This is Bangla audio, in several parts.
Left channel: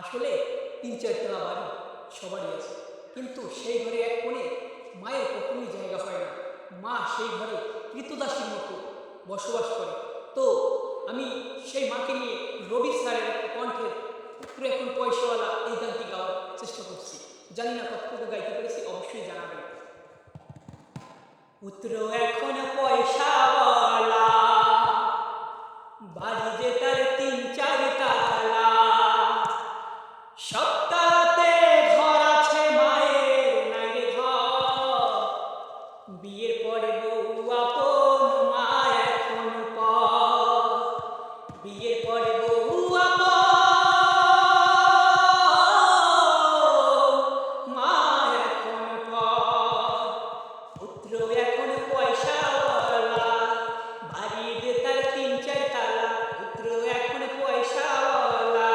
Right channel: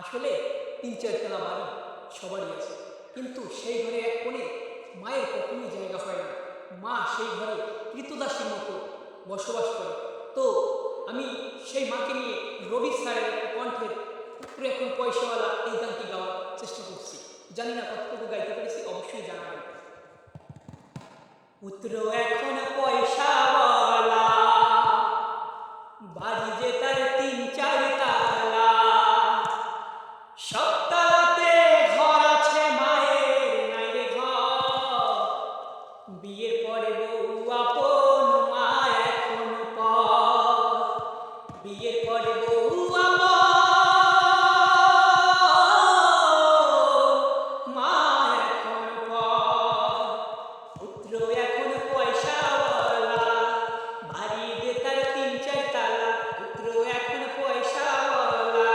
আসলে ৩-৪ তলা বাড়ি সবারই আছে, কিন্তু সেই ঘরে এক কোণে মায়ের কখনোই জায়গা হয় না। মা সেই ঘরে কৃতদাসীর মতো বসবাস করে। তো আমি সেই মাকে নিয়ে রবি স্যারের একটা কণ্ঠের পুত্র এখন পয়সাওয়ালা এই গানটি গাওয়ার চেষ্টা করছি। জানি না কতটুকু গাইতে পেরেছি, অবশ্যই জানাবেন। পুত্র এখন পয়সাওয়ালা, বাড়ি যে তার ৩-৪ তালা, সব তালাতে ঘর আছে, মায়ের নাই রে ঘর। বিয়ের পরে বউ আপন, মা এখন পর। বিয়ের পরে বউ আপন, মা এখন পর। পুত্র এখন পয়সাওয়ালা, বাড়ি যে তার ৩-৪ তালা। পুত্র এখন পয়সাওয়ালা,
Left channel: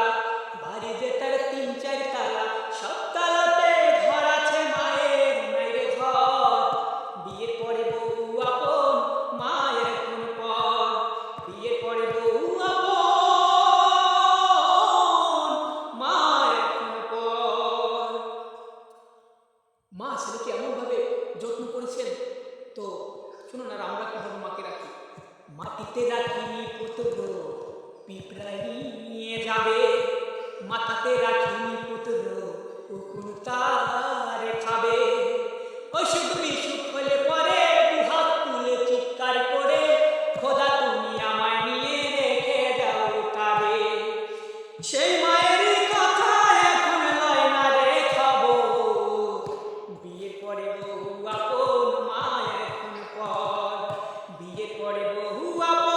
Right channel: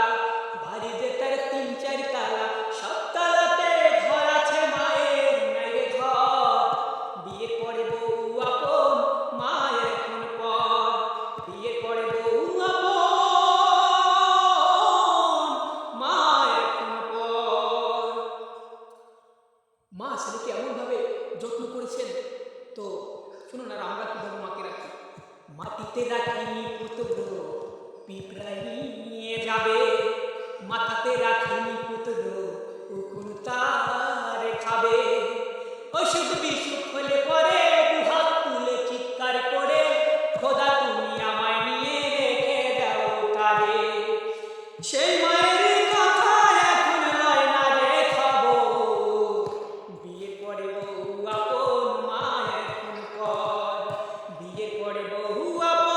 বাড়ি যে তার ৩-৪ তালা, সব তালাতে ঘর আছে, মায়ের নাই রে ঘর। বিয়ের পরে বউ আপন, মা এখন পর। বিয়ের পরে বউ আপন, মা এখন পর। মা ছেলেকে এমনভাবে যত্ন করেছেন। তো শুনুন, আর আমরা কীভাবে মাকে রাখি। মাটিতে রাখিনি পুত্র, পিঁপড়াই নিয়ে যাবে। মাথাতে রাখিনি পুত্র, উকুন তারে খাবে। অসুখ বিসুখ হলে পরে দুহাত তুলে চিৎকার করে, খোদা তুমি আমায় নিয়ে রেখে দাও তারে। সেই মায়ের কথা এখন লয় না রে খবর। বিয়ের পরে বউ আপন, মা এখন পর। বিয়ের পরে বউ আপন,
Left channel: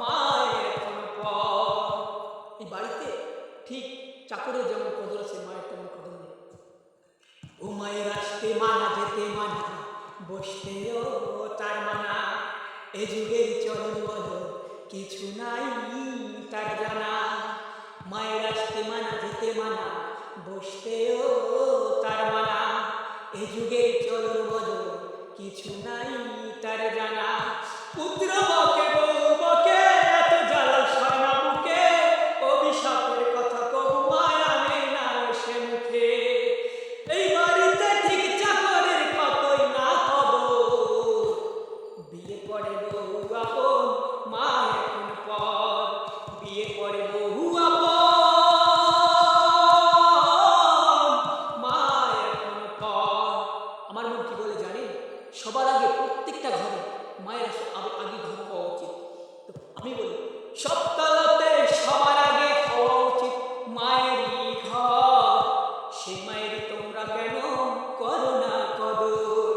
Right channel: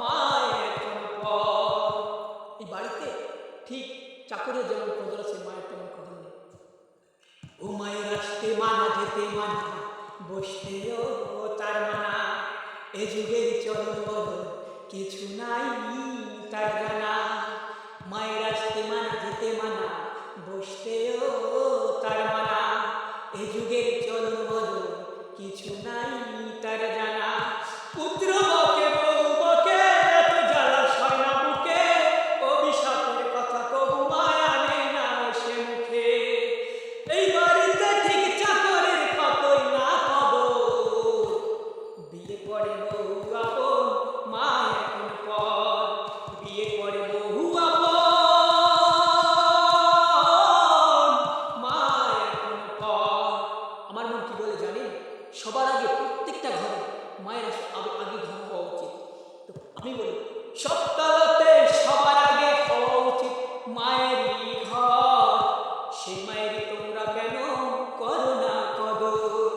মা এখন পর। এই বাড়িতে ঠিক চাকরের যেমন কদর আছে, মায়ের তেমন কদর নেই। ও মায়ের আসতে মানা, যেতে মানা, বসতেও তার মানা। এ যুগের চলন বলো, কিছু নাই তার জানা। মায়ের আসতে মানা, যেতে মানা, বসতেও তার মানা। এ যুগের চলন বলো, কিছু নাই তার জানা। পুত্র বকে বউ বকে, এত জ্বালা সয় না বুকে। অভিশাপের কথা কবু মায়া আনে না সে মুখে। এই বাড়িতে ঠিক চাকরের কতই না কদর। বিয়ের পরে বউ আপন, মা এখন পর। বিয়ের পরে বউ আপন, মা এখন পর। আমার মন কি বলে জানেন? সবার আগে প্রত্যেকটা ঘরে মায়ের আগে ঘর হওয়া উচিত। তো আমি বলি, সব তলাতে সবার আগে হওয়া উচিত মায়েরই ঘর। সেই মায়েরই তোমরা কেন করো না কদর?